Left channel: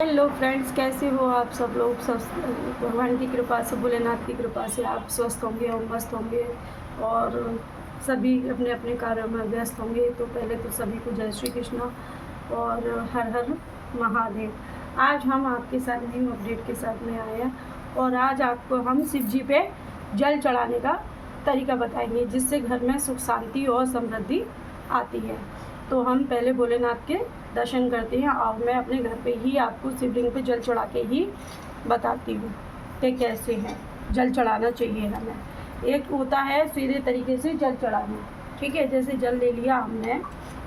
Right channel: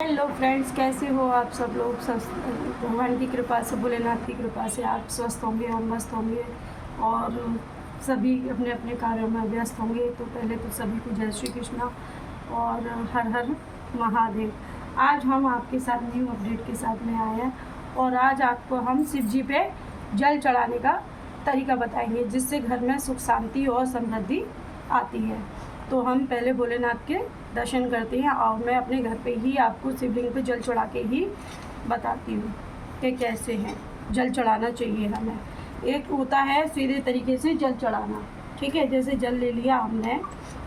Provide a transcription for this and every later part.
Hello friends, कैसे हो आप सब लोग। सब भगवान की कृपा से, भोलेनाथ की कृपा से आप स्वस्थ होंगे और मस्त होंगे और सभी अपने अपने कार्यों में व्यस्त होंगे। तो पहले तो सभी को जय श्री कृष्णा और हर हर महादेव। आज हम आपके साथ न्यू अपडेट के साथ में आए हैं और आज आपको हम शिव जी पे जल चढ़ाने का तरीका बताएंगे, जिससे घर में सुख शांति और समृद्धि आती है। तो हम पहले भोलेनाथ के दर्शन करते हैं और मैं अपने घर पे ही आपको शिवलिंग पे जल चढ़ा के ही बताती हूँ कि कैसे हैं जल चढ़ाना चाहिए हमें। एक होता है सीधे तरीके से जल चढ़ाना, ठीक है। जैसे जल ले लिया हमने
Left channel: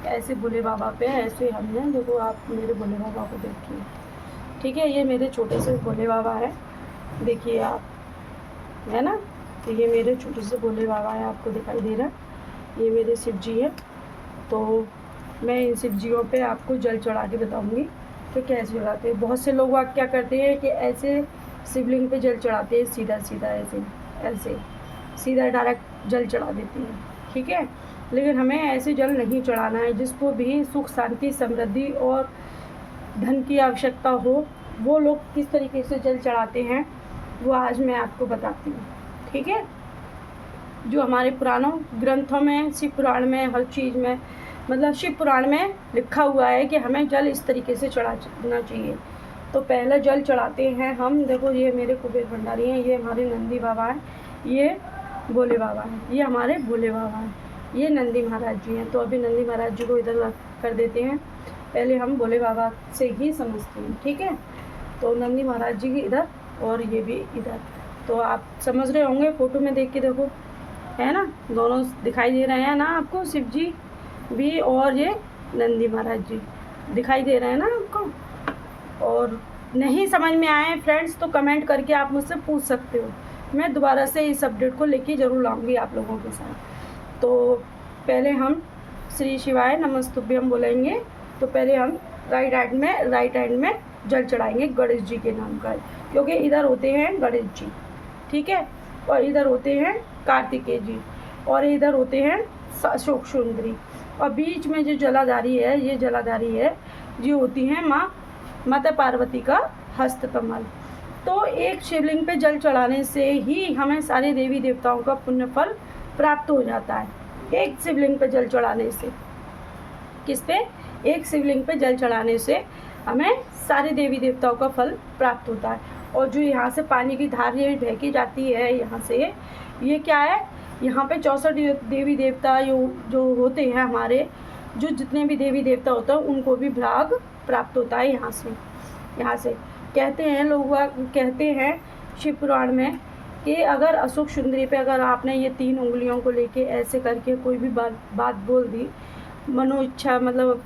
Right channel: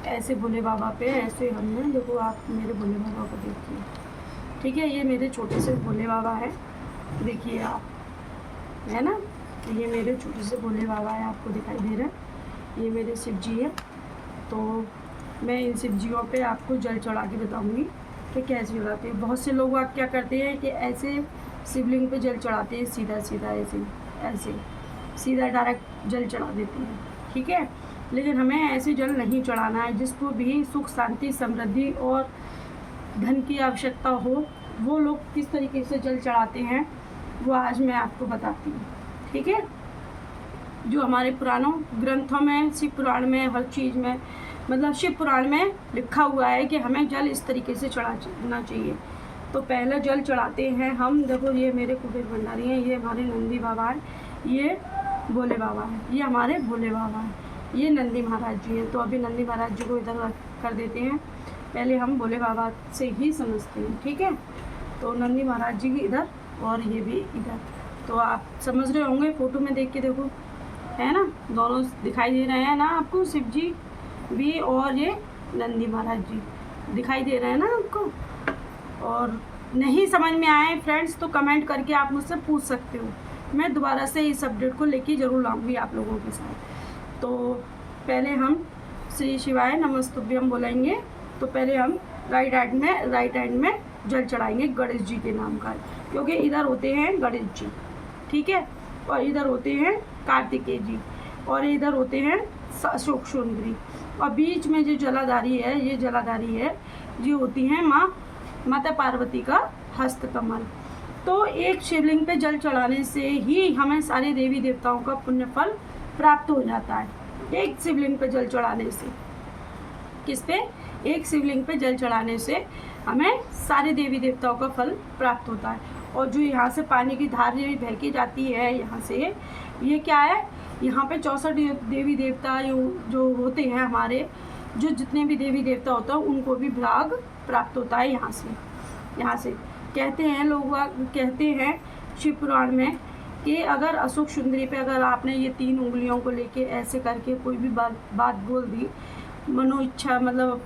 ऐसे भोले बाबा पे, ऐसे हमने, देखो आप मेरे भोले बाबा को देखिए, ठीक है। ये मेरे छोटे से भोले बाबा है, देखिए आप, है ना। तो ये मेरे छोटे से भोले बाबा है, आपको दिखाई दे रहा है। ये मेरे शिव जी है। तो मैं इन शिवजियों पे आपको जल चढ़ा के बताऊँगी कि कैसे चढ़ाते हैं। बहुत से लोग आप क्या करते हैं कि ऐसे शिवलिंग पे जल चढ़ाते हैं, सीधा सीधा ऐसे ऐसे सीधा डायरेक्ट जल चढ़ा देते हैं, ठीक है। लेकिन हमें ऐसे जल नहीं चढ़ाना है। जिसको भी सुख शांति समृद्धि और धन की आवश्यकता हो, वो लोग किस तरीके से जल चढ़ाते हैं वो आज मैं आपको बताती हूँ, ठीक है। जो हमारे पुराणों ग्रंथों में, शिव पुराण में, हर चीज़ में, मतलब शिव पुराण में लिखा हुआ है कि हमें जल इस तरीके से चढ़ाना चाहिए। तो पहले जल चढ़ाते हैं हम, देखो ये मेरे कुबेर भंडारी हैं, ये हमारे नंदी बाबा हैं, ये भोले बाबा हैं, ये हमारे भोले बाबा हैं, ये नंदी महाराज जी हैं। तो अभी नंदी महाराज जी को इधर कर देते हैं, पहले हम भोले बाबा से ही समझते हैं, ठीक है। तो नंदी महाराज जी इधर और ये भी इधर। तो आप समझ रहे होंगे, फ़ोटो में देख के देखो, है ना, दोनों दिखाई दे रहे हैं ना आपको, शिव जी भी और ये नंदी महाराज जी दिखाई दे रहे हैं ना आपको। और नहीं समझ में आए फ्रेंड्स तो कमेंट करके आप मुझसे पूछ सकते हो, मैं दोबारा से इस अपडेट को लेके ज़रूर आऊँगी आप लोगों के साथ। तो पहले हम श्री शिवाय नमस्तुभ्यम बोलेंगे। तो पहले हम राइट हैंड में जल चढ़ाएंगे गणेश जी के नाम का, क्योंकि इधर होते हैं गणेश जी, ठीक है, और इधर होते हैं कार्तिकेय जी, और इधर होते हैं अशोक सुंदरी, और बीच में जो जलाधारी है, ये जलाधारी है, ये होती हैं माता पार्वती का हस्त कमल। तो एक शिवलिंग पे जल चढ़ाने से ही हमें सारे देवी देवताओं का पुण्य फल प्राप्त हो जाता है। एक शिवलिंग पे जल चढ़ाने से, किस पे, एक शिवलिंग पे जल चढ़ाने से हमें सारे देवी देवताओं का फल प्राप्त होता है। और जो यहाँ से पानी की धार ये बह के जाती है यहाँ से, ये क्या है, यहाँ पे 64 देवी देवता जो होते हैं हमारे, जो जितने भी देवी देवता होता है उनको भी भाग प्राप्त होता है यहाँ से। कहते हैं लोग, कहते हैं शिव पुराण में कि अगर अशोक सुंदरी पे अगर आपने ये 3 उंगलियों को लेके ऐसे करके कोई भी बात बोल दी, मनो इच्छा, मतलब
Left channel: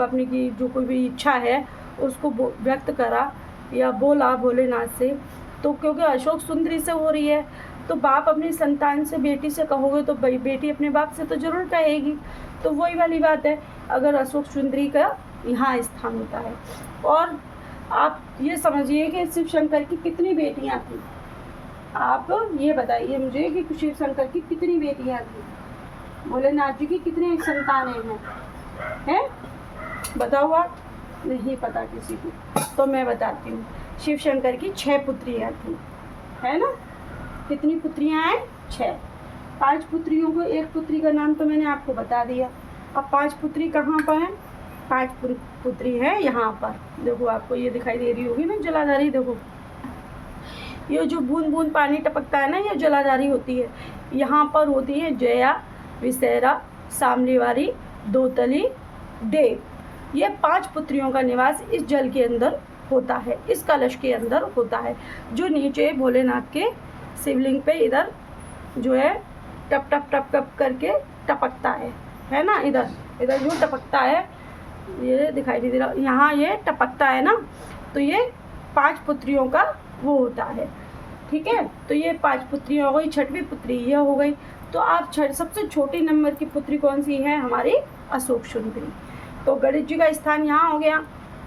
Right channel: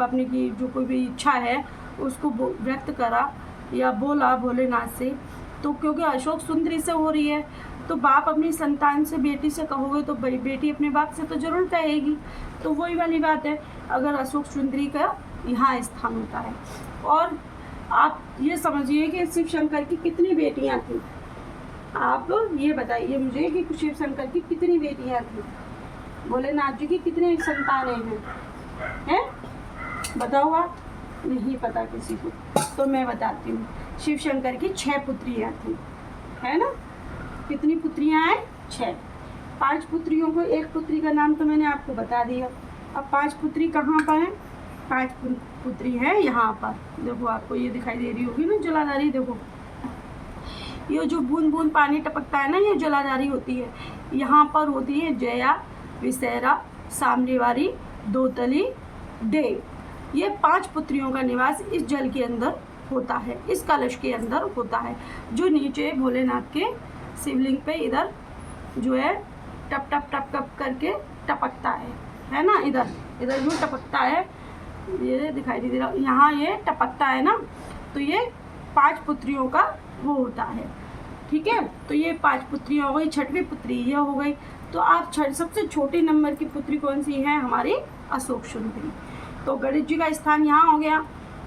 अपनी की जो कोई भी इच्छा है उसको व्यक्त करा या बोला भोलेनाथ से, तो क्योंकि अशोक सुंदरी से हो रही है, तो बाप अपनी संतान से, बेटी से कहोगे तो बेटी अपने बाप से तो ज़रूर कहेगी। तो वही वाली बात है, अगर अशोक सुंदरी का यहाँ स्थान होता है। और आप ये समझिए कि शिव शंकर की कितनी बेटियाँ थी, आप ये बताइए मुझे कि शिव शंकर की कितनी बेटियाँ थी, भोलेनाथ जी की कितनी संतानें हैं, बताओ आप, नहीं पता किसी को। तो मैं बताती हूँ, शिव शंकर की 6 पुत्रियाँ थी, है ना। कितनी पुत्रियाँ हैं, 6। 5 पुत्रियों को, एक पुत्री का नाम तो मैंने आपको बता दिया। अब 5 पुत्री कहाँ पर हैं, 5 पुत्री है यहाँ पर, देखो आपको ये दिखाई दे रही होगी ना जलाधारी, देखो ये जो बूंद बूंद पानी टपकता है ना, ये जलाधारी होती है। यहाँ पर होती है जया, विशेरा, सामलीवारी, दोतली, देव। ये 5 पुत्रियों का निवास इस जल के अंदर होता है, इस कलश के अंदर होता है, जो नीचे भोलेनाथ के शिवलिंग पे इधर जो है टप टप टप टप करके टपकता है ना, इधर जो टपकता है, ये दिखाई दे रहा, यहाँ ये टपकता है ना। तो ये 5 पुत्रियों का वो होता है, ठीक है। तो ये 5 पुत्रियाँ हो गई, 6वीं पुत्री ये हो गई। तो आप सबसे छोटी नंबर की पुत्री कौन सी है, हमारी अशोक सुंदरी। तो गणेश जी का स्थान यहाँ हो गया,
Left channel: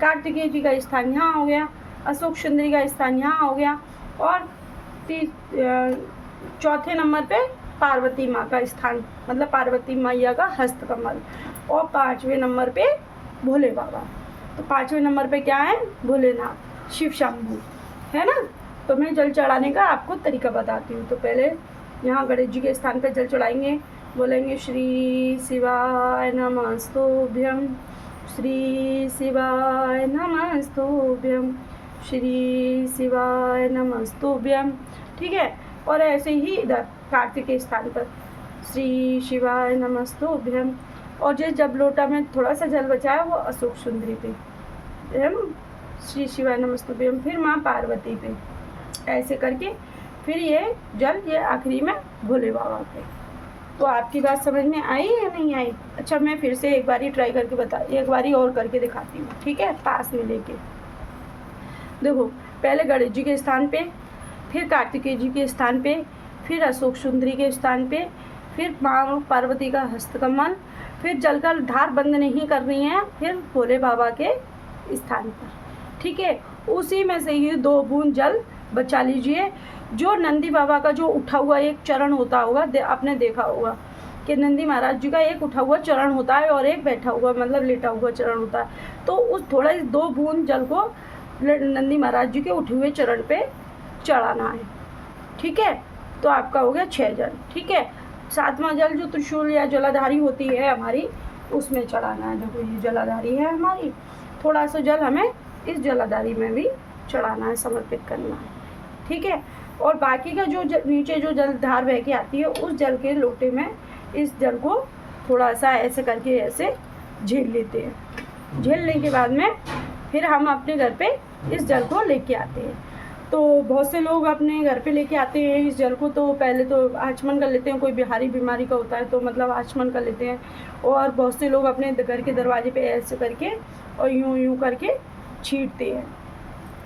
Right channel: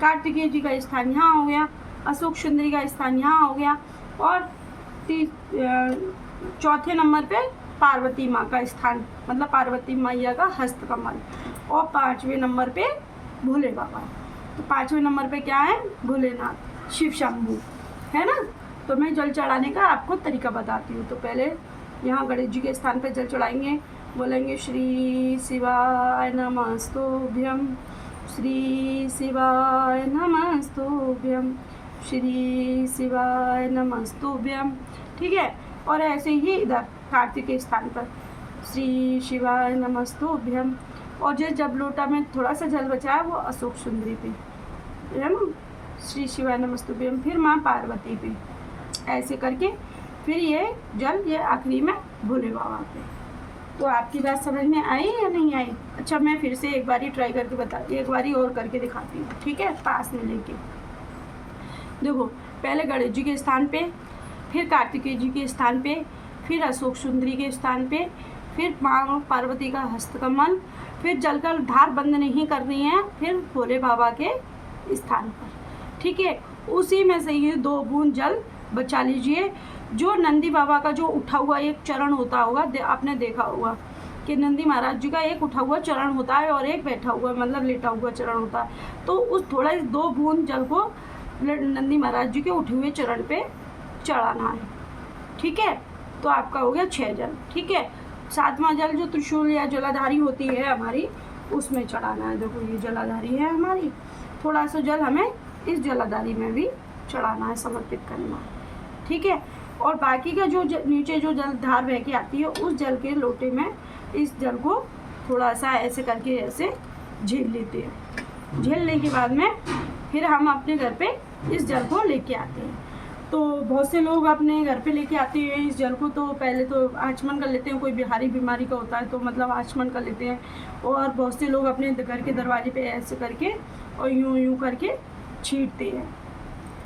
कार्तिकेय जी का स्थान यहाँ हो गया, अशोक सुंदरी का स्थान यहाँ हो गया, और चौथे नंबर पे पार्वती माँ का स्थान, मतलब पार्वती मैया का हस्त कमल, और 5वें नंबर पे भोले बाबा। तो 5वें नंबर पे क्या है? भोलेनाथ शिव शंभू, है ना। तो मैं जल चढ़ाने का आपको तरीका बताती हूँ। तो पहले यहाँ गणेश जी के स्थान पर जल चढ़ाएंगे, बोलेंगे श्री शिवाय नमस्तुभ्यं, श्री शिवाय नमस्तुभ्यं, श्री शिवाय नमस्तुभ्यं, ठीक है। और ऐसे ही इधर कार्तिक के स्थान पर श्री शिवाय नमस्तुभ्यं। और जब लोटा में थोड़ा सा जल बचा है वो अशोक सुंदरी पे, है ना, श्री शिवाय नमस्तुभ्यं। फिर माँ पार्वती पे, ऐसे करके फिर ये जल ये आखिरी में भोले बाबा पे। तो आपकी बात समझ में आई या नहीं आई? अच्छा, मैं फिर से एक बारी ट्राई करके एक बारी और करके दिखाती हूँ, ठीक है, पास में लेके। देखो, पहले गणेश जी के स्थान पे, फिर कार्तिकेय जी के स्थान पे, फिर अशोक सुंदरी के स्थान पे, फिर माँ पार्वती का हस्तकमल, फिर जल का धार बंद नहीं करनी है, फिर भोले बाबा के स्थान पर, ठीक है। उसी में से ये 2 बूंद जल बचा लीजिए। जो नंदी बाबा का जो उठा हुआ एक चरण होता होगा, आपने देखा होगा कि नंदी महाराज जी का एक उठा हुआ चरण होता है और एक बैठा हुआ मतलब लेटा हुआ चरण होता है। तो उस थोड़ा 2 बूंद जल को नंदी महाराज जी के उठे हुए चरण पे चढ़ाना है, ठीक है। तो आपका हो गया 6 जल, ठीक है। 7वां जल जो त्रिशूल या जलाधारी होती है हमारी, उसमें चढ़ाना है। जो ये जलाधारी है हमारी, थोड़ा सा जल हमें इस जलाधारी में भी चढ़ाना है, समर्पित करना है, ठीक है। और बाकी का जो नीचे जो जल धार बह के आती है, उस जल के लोटे में इस जल को थोड़ा सा ऐसे करके ऐसे झेल लेते हैं। झेलने के बाद में फिर हम अपने घर पे इस जल को लेके आते हैं। तो बहुत से लोग अपने घर पे लेके आते हैं इस जल को। तो पहले तो आचमन कर लेते हैं, कोई बिहारी बीमारी का होता है तो मतलब आचमन कर लेते हैं। और बहुत से लोग अपने घर के दरवाजे पे ऐसे करके और यूं करके छींटते हैं,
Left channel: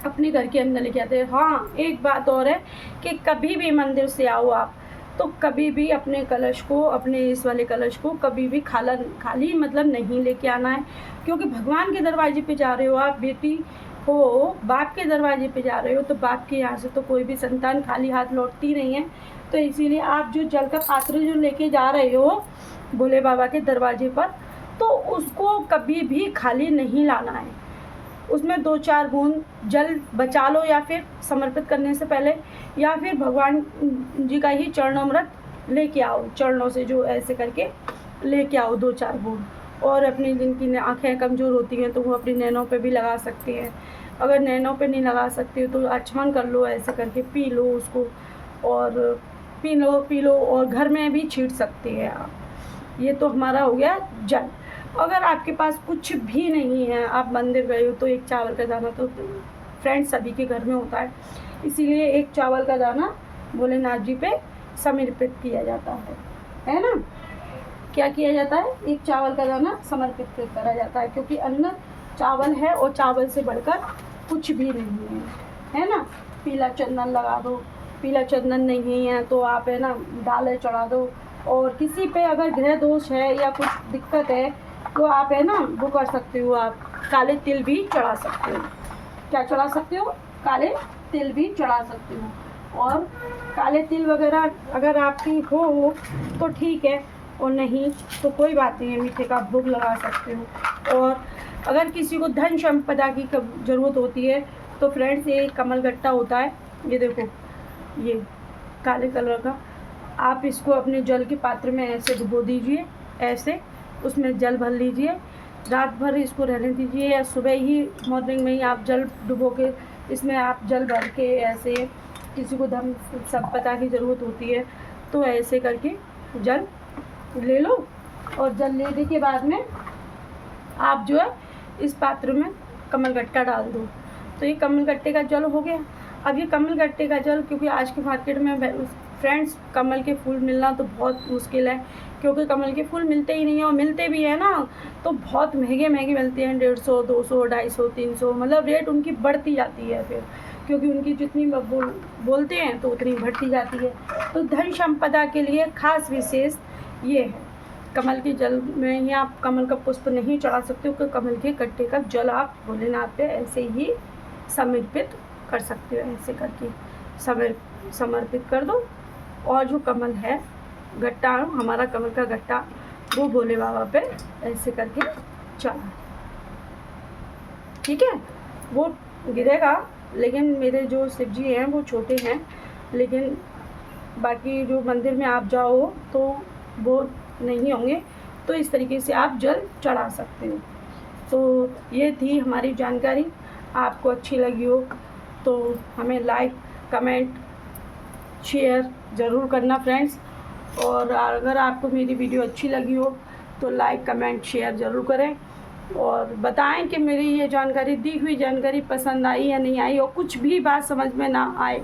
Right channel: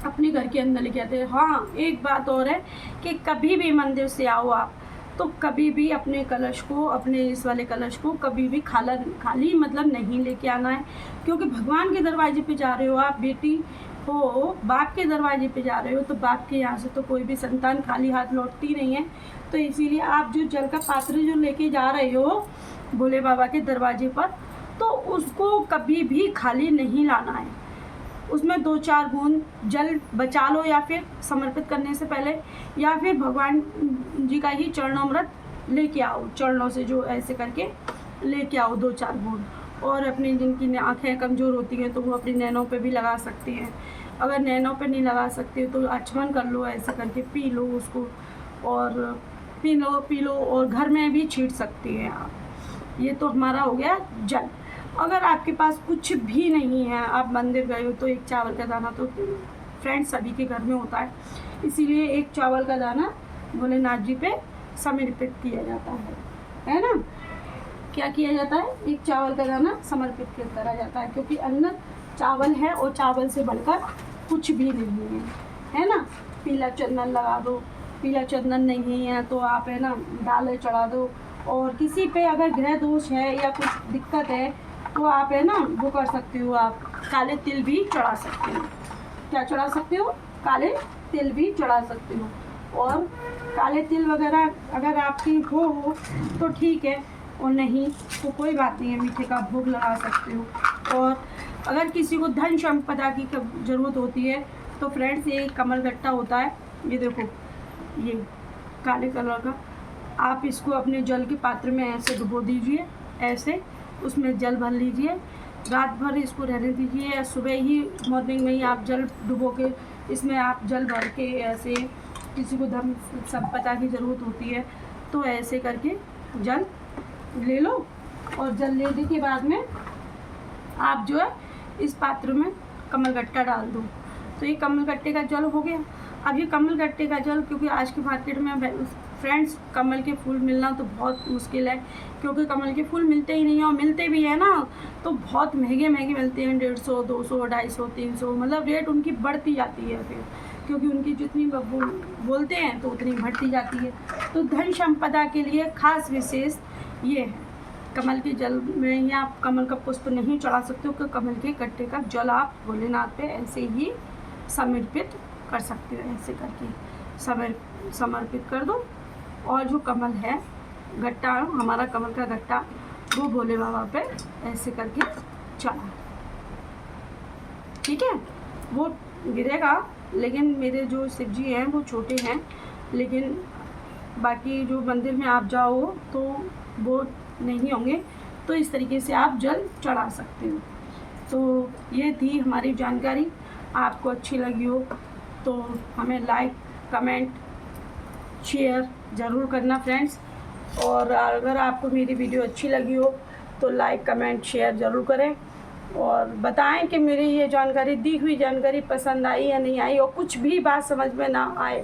अपने घर के अंदर लेके आते हैं। हाँ, एक बात और है कि कभी भी मंदिर से आओ आप, तो कभी भी अपने कलश को, अपने इस वाले कलश को कभी भी खाली मतलब नहीं लेके आना है। क्योंकि भगवान के दरवाजे पे जा रहे हो आप, बेटी हो, बाप के दरवाजे पे जा रहे हो, तो बाप के यहाँ से तो कोई भी संतान खाली हाथ लौटती नहीं है। तो इसीलिए आप जो जल का पात्र जो लेके जा रहे हो भोले बाबा के दरवाजे पर, तो उसको कभी भी खाली नहीं लाना है। उसमें 2-4 बूंद जल बचा लो, या फिर समर्पित करने से पहले, या फिर भगवान जी का ही चरणामृत लेके आओ, चरणों से जो ऐसे करके लेके आओ 2-4 बूंद। और अपनी जिनकी आँखें कमज़ोर होती हैं तो वो अपनी नैनों पे भी लगा सकते हैं। अगर नैनों पे नहीं लगा सकते हो तो आचमन कर लो, ऐसे करके पी लो उसको, और पी लो और घर में भी छींट सकते हैं आप। ये तो हमारा हो गया जल। अगर आपके पास कुछ भी नहीं है, आप मंदिर गए हो, तो एक चावल का दाना तो फ्रेंड्स सभी के घर में होता है, इसीलिए एक चावल का दाना भोलेनाथ जी पे समर्पित किया जाता है ना। क्या किया जाता है? एक चावल का दाना समर्पित करा जाता है, क्योंकि अन्न चावल है और चावल से बढ़कर कुछ भी नहीं है ना। पीला चंदन लगा दो, पीला चंदन नहीं है तो आप है ना डाले चढ़ा दो। और किसी पे अगर ग्रह दोष है या कुछ दिक्कत है तो आप है ना वो कर सकते हो, आप काले तिल भी चढ़ा सकते हो। क्या चढ़ा सकते हो? काले तिल भी चढ़ा सकते हो। और काले तिल वगैरह अगर आपकी हो तो ठीक है, और नहीं तो कोई बात नहीं है, मीठे का भोग लगा सकते हो। और अगर किसी को धन संपदा की ज़रूरत होती है तो फ्रेंड्स ये कमल गट्टा होता है, ये देखो ये काले कलर का, आप इसको अपने जल के पात्र में ऐसे डुबो दीजिए, ऐसे उसमें जल भर लीजिए, रात भर इसको रहने दीजिए, या सुबह ही मॉर्निंग में ही आप जल डुबो के इसमें आप जल भर के ऐसे, किसी को धन संपदा की ज़रूरत होती है तो ऐसे करके जल ले लो। और जल लेने के बाद में आप जो है इस पात्र में कमल गट्टा डाल दो। तो ये कमल गट्टे का जल हो गया। अब ये कमल गट्टे का जल, क्योंकि आज के मार्केट में फ्रेंड्स कमल के फूल मिलना तो बहुत मुश्किल है, क्योंकि कमल के फूल मिलते ही नहीं है, और मिलते भी है ना तो बहुत महंगे मिलते हैं, 150, 200, 250, 300, मतलब रेट उनकी बढ़ती जाती है फिर, क्योंकि उनकी जितनी बोलते हैं तो उतनी बढ़ती जाती है। तो धन संपदा के लिए खास विशेष ये है। कमल के जल में ही आप कमल का पुष्प नहीं चढ़ा सकते हो, क्योंकि कमल के गट्टे का जल आप भोलेनाथ पे ऐसे ही समर्पित कर सकते हो, ऐसे करके समर्पित कर दो। और जो कमल है गट्टा, हमारा कमल का गट्टा, वो भोले बाबा पे ऐसे करके चढ़ा। ठीक है, वो गिरेगा, लेकिन मेरे जो शिव जी हैं वो छोटे हैं, लेकिन बाकी जो मंदिर में आप जाओ तो वो नहीं होंगे, तो इस तरीके से आप जल चढ़ा सकते हो। तो ये थी हमारी जानकारी, आपको अच्छी लगी हो तो हमें लाइक, कमेंट, शेयर ज़रूर करना फ्रेंड्स। और अगर आपको मेरी वीडियो अच्छी लगी हो तो लाइक, कमेंट, शेयर ज़रूर करें और बताएं कि मेरी ये जानकारी, दी हुई जानकारी पसंद आई या नहीं आई, और कुछ भी बात समझ में ना आए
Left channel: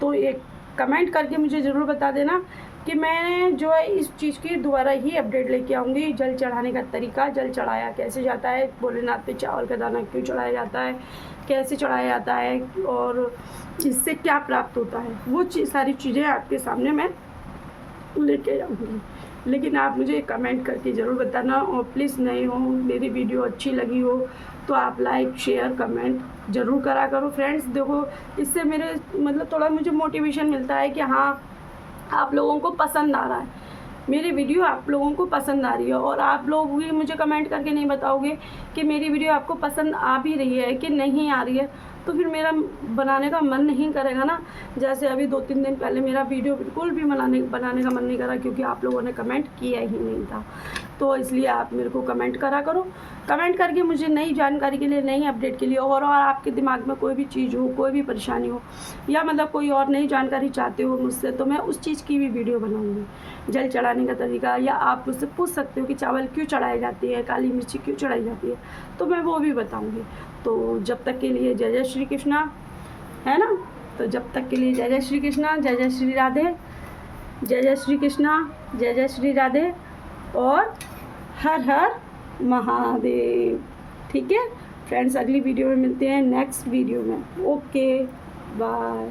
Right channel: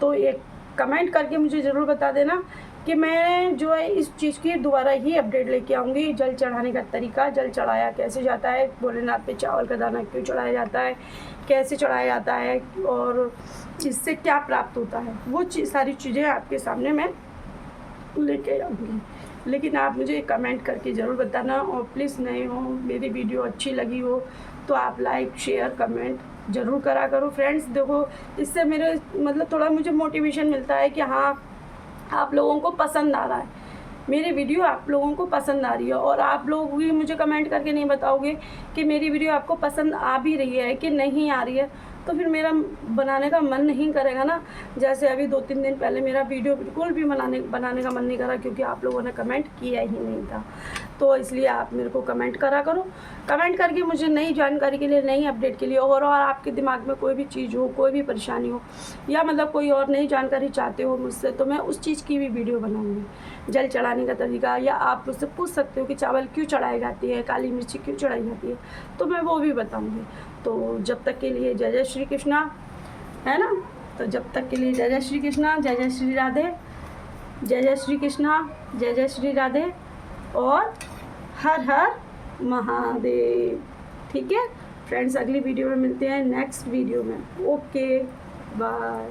तो एक कमेंट करके मुझे ज़रूर बता देना कि मैं जो है इस चीज़ की दोबारा ही अपडेट लेके आऊँगी। जल चढ़ाने का तरीका, जल चढ़ाया कैसे जाता है, भोलेनाथ पे चावल का दाना क्यों चढ़ाया जाता है, कैसे चढ़ाया जाता है और इससे क्या प्राप्त होता है, वो सारी चीज़ें आपके सामने मैं लेके आऊँगी। लेकिन आप मुझे कमेंट करके ज़रूर बताना, और प्लीज़ नए हो, मेरी वीडियो अच्छी लगी हो तो आप लाइक, शेयर, कमेंट ज़रूर करा करो फ्रेंड्स। देखो, इससे मेरे मतलब थोड़ा मुझे मोटिवेशन मिलता है कि हाँ, आप लोगों को पसंद आ रहा है, मेरी वीडियो आप लोगों को पसंद आ रही है। और आप लोग भी मुझे कमेंट करके नहीं बताओगे कि मेरी वीडियो आपको पसंद आ भी रही है कि नहीं आ रही है, तो फिर मेरा बनाने का मन नहीं करेगा ना। जैसे अभी 2-3 दिन पहले मेरा वीडियो बिल्कुल भी बनाने का मन नहीं करा, क्योंकि आप लोगों ने कमेंट किया ही नहीं था। तो इसलिए आप मेरे को कमेंट करा करो, कमेंट करके मुझे नई जानकारी के लिए, नई अपडेट के लिए, और आपके दिमाग में कोई भी चीज़ हो, कोई भी परेशानी हो, या मतलब कोई और नई जानकारी चाहते हो मुझसे, तो मैं उस चीज़ की भी वीडियो बनाऊँगी। जल चढ़ाने का तरीका, या आप मुझसे पूछ सकते हो कि चावल क्यों चढ़ाई जाती है, काली मिर्ची क्यों चढ़ाई जाती है, तो मैं वो भी बताऊँगी। तो जब तक के लिए जय जय श्री कृष्णा, है ना। तो जब तक के लिए जय जय श्री कृष्णा, जय जय श्री राधे, जय जय श्री कृष्णा, जय जय श्री राधे, और हर हर महादेव। ठीक है फ्रेंड्स, अगली वीडियो में मिलते हैं, नेक्स्ट वीडियो में। Okay, bye.